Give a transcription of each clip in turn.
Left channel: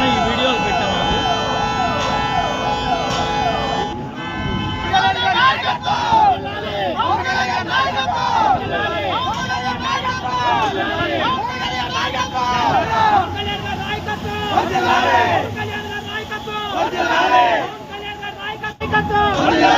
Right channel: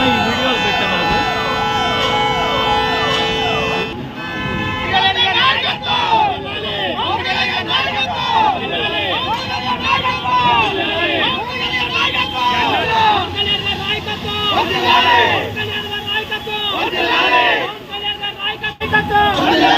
ఈ వీడియోలు నాయకత్వం! విజయవంతం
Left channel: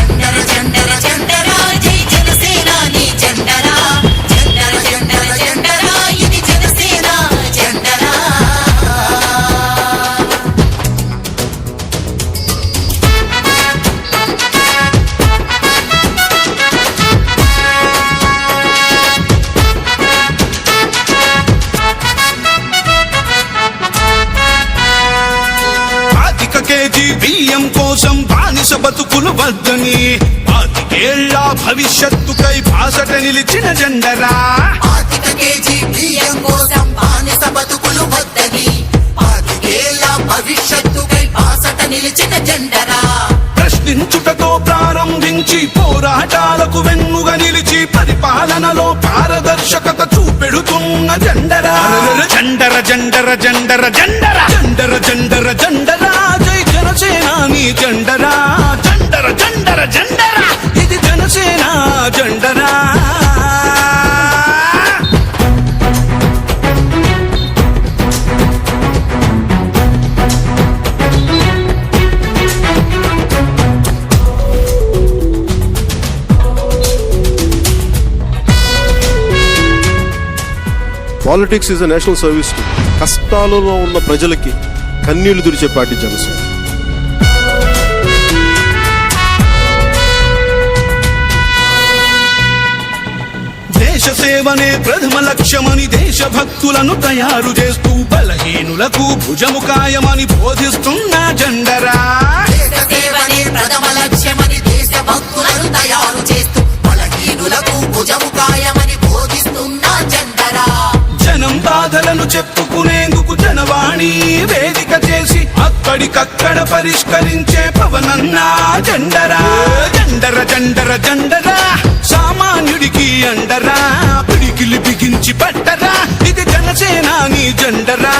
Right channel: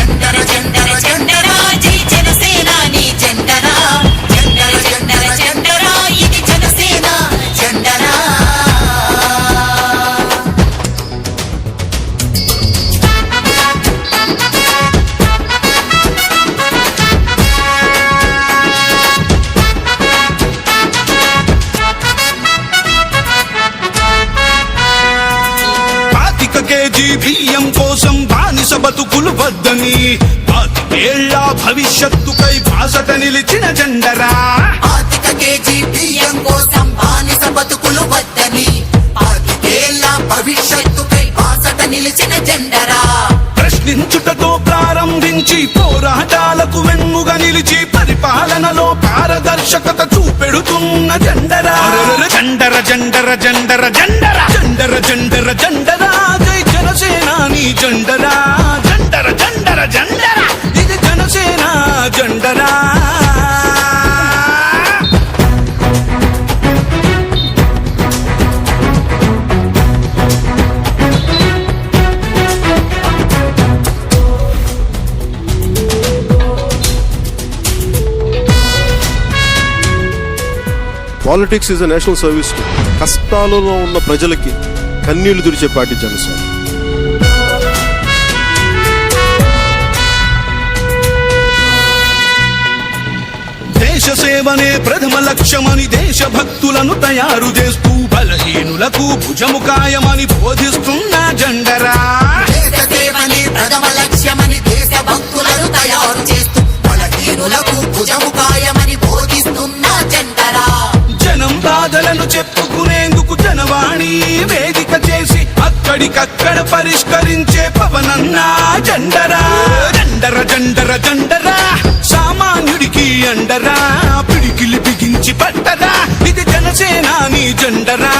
బియ్యం కోసం బానిస బతుకులు వద్దని. పాతికేళ్ళ భవిష్యత్తుకై బాసట నిలిచిన జెండరా. ఆరుగేళ్ళ భవిష్యత్తుకై బాసట నిలిచిన జెండరా. ప్రశ్నించుటతో ప్రారంభించి పోరాటాలకు వెన్నుగా నిలిచి పరిపాలనలో పారదర్శకత చూపెడుతున్న జెండరా. జెండర జెండర జెండర జెండర. జెండర జెండర జెండర. జై జనసేనాని జెండరా? జెండర జెండర జెండర. ఇది Janasena జెండరా? Politics is a national service కష్టాలలో ఉన్న ప్రజలకి కన్నీళ్ళు తుడిచే పార్టీ జనసేన. దేశ సేవనే ప్రథమ లక్ష్యమని దేశభక్తులను తయారు చేస్తూ బలహీనులకు భుజముకాయమని బోధిస్తున్న జెండరా. ప్రథమ లక్ష్యమని దేశ భక్తులను తయారు చేస్తూ బలహీనులకు భుజము కాయమని బోధిస్తున్న జెండరా. జనం బాధలను చెప్పుకునేందుకు జనవాణి వేదిక చేసి అక్కడికక్కడ పరిష్కరించే పవనన్నా జండరా. జండర జండర జండరా. సామాన్యుడికి అండరా. పిడికిలి బిగించి పట్టరా. ఇది జనసేనాని జండరా.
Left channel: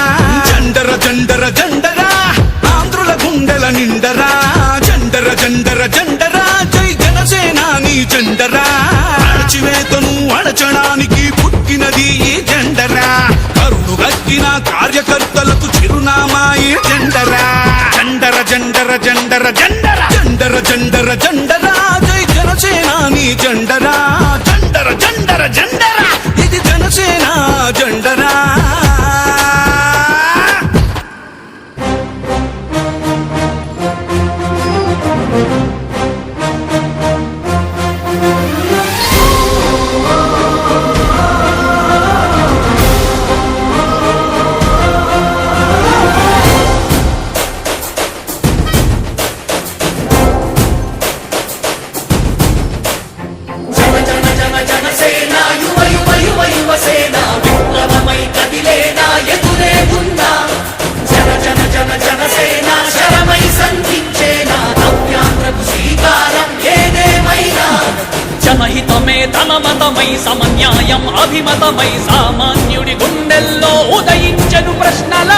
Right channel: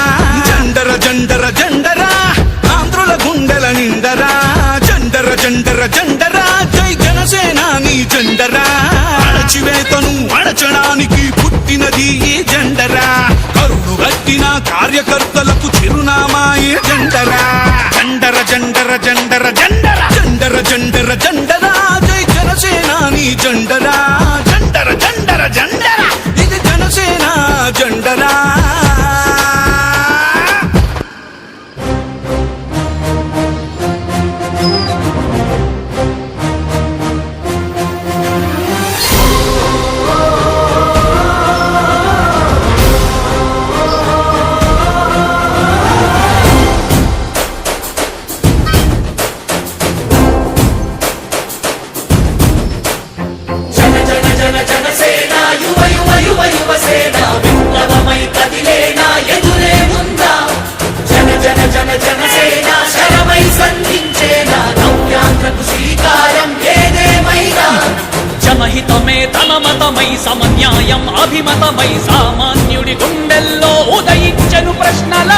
జండర జండర జండరా. ఆంధ్రుల గుండెల నిండరా. జండర జండర జండరా. జై జనసేనాని జండరా. అణచివేతను అణచడానికి పుట్టినది జెండర జెండర జెండర. జెండర జెండర జెండర. జెండరా జై జనసేనాని జెండరా. జెండర జెండర జెండర. శరమై శ్రీకారం ఏదేమైనా జనహితమే తన మతమై సమన్యాయం అభిమతమై సామాన్యుడి గుండెల్లో ఉదయించను ప్రశ్నల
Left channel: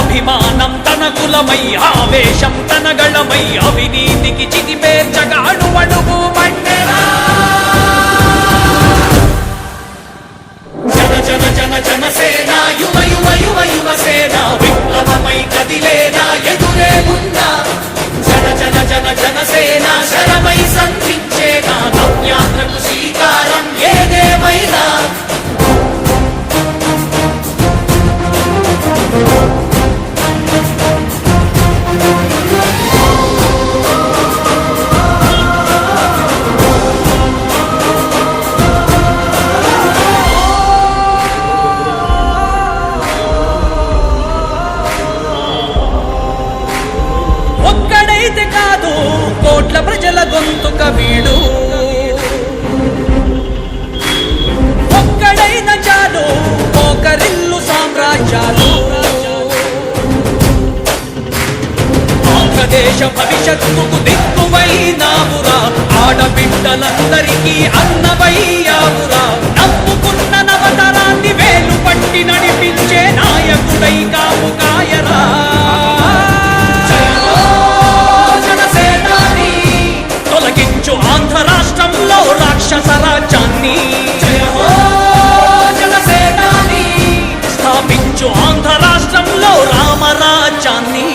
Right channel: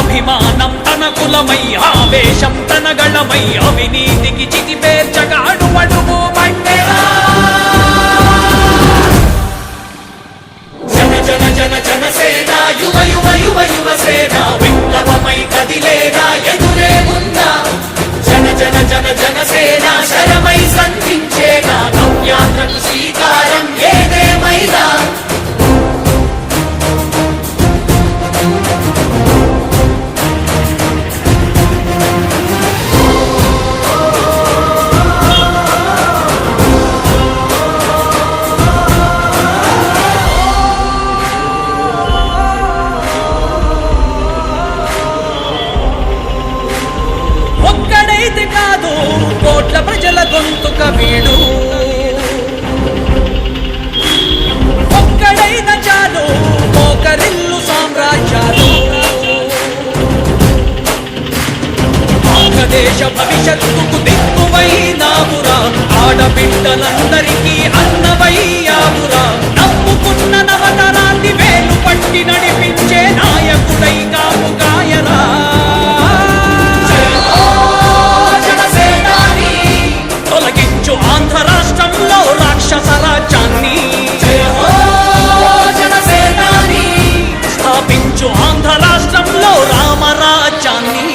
అభిమానం తన కులమై ఆవేశం తన గళమై అవినీతికి చితి పేర్చగా అడువడుగు మండెరా జన జన జన జన యువ యువ యువ యువ సేన విప్లవమై కదిలేదా ఎదు జన జన జనసేన జన సేన శరమై సంధించేనా? నవ్యాంధ్రకు శ్రీకారం ఏదేమైనా? కోట్ల ప్రజల గొంతుక వీడు ఒక్కడైన చాలు ఒకరిల్లు సామ్రాజ్యాలు. ఆంధ్రదేశ భవిష్యత్తుకు దిక్కువైనావురా. ఆడబిడ్డలందరికీ అన్నవయ్యావురా. నమ్ముకున్న నవతరాన్ని వేలు పట్టి నడిపించే నాయకుడై కాపు కాయరా. రాక్షస రాజ్యాన్ని. జనసేనాని స్థాపించు ఆంధ్ర రాష్ట్రంలో రామరాజ్యాన్ని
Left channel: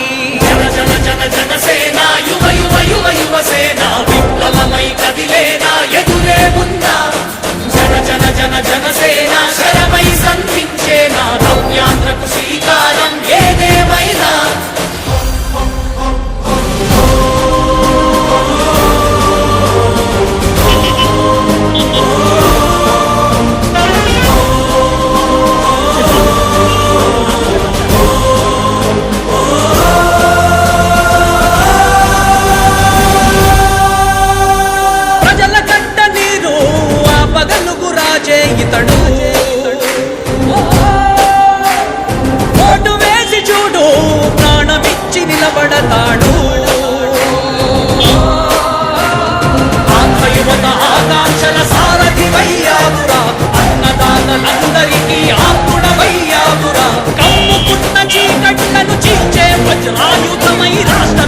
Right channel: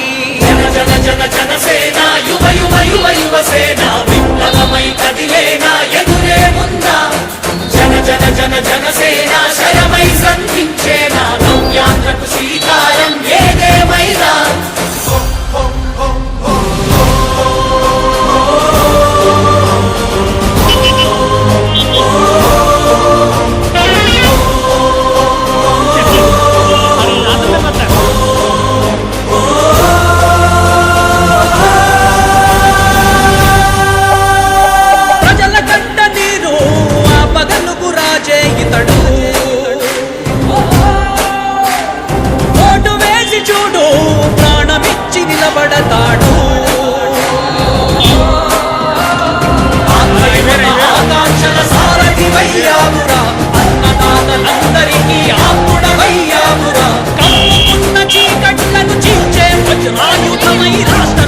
జన జన జన జనసేన యువ యువ యువ యువ సేన విప్లవమై కదిలేనా ఎదురే ఉందా జన జన జన జనసేన శరమై సంధించేనా నవ్యాంధ్రకు శ్రీకారం ఏదేమైనా రాజే ఇతడు ఓటు వేసి చూడు ప్రాణమిచ్చి నిలబడతాడు. ఆంధ్రయువత ఆకాంక్షల సారథివయ్యావురా. అన్నదాతలందరికీ ఆపుడవయ్యావురా కమ్ముకున్న చీకట్లను చీల్చే వజ్రాయుధమై రాష్ట్ర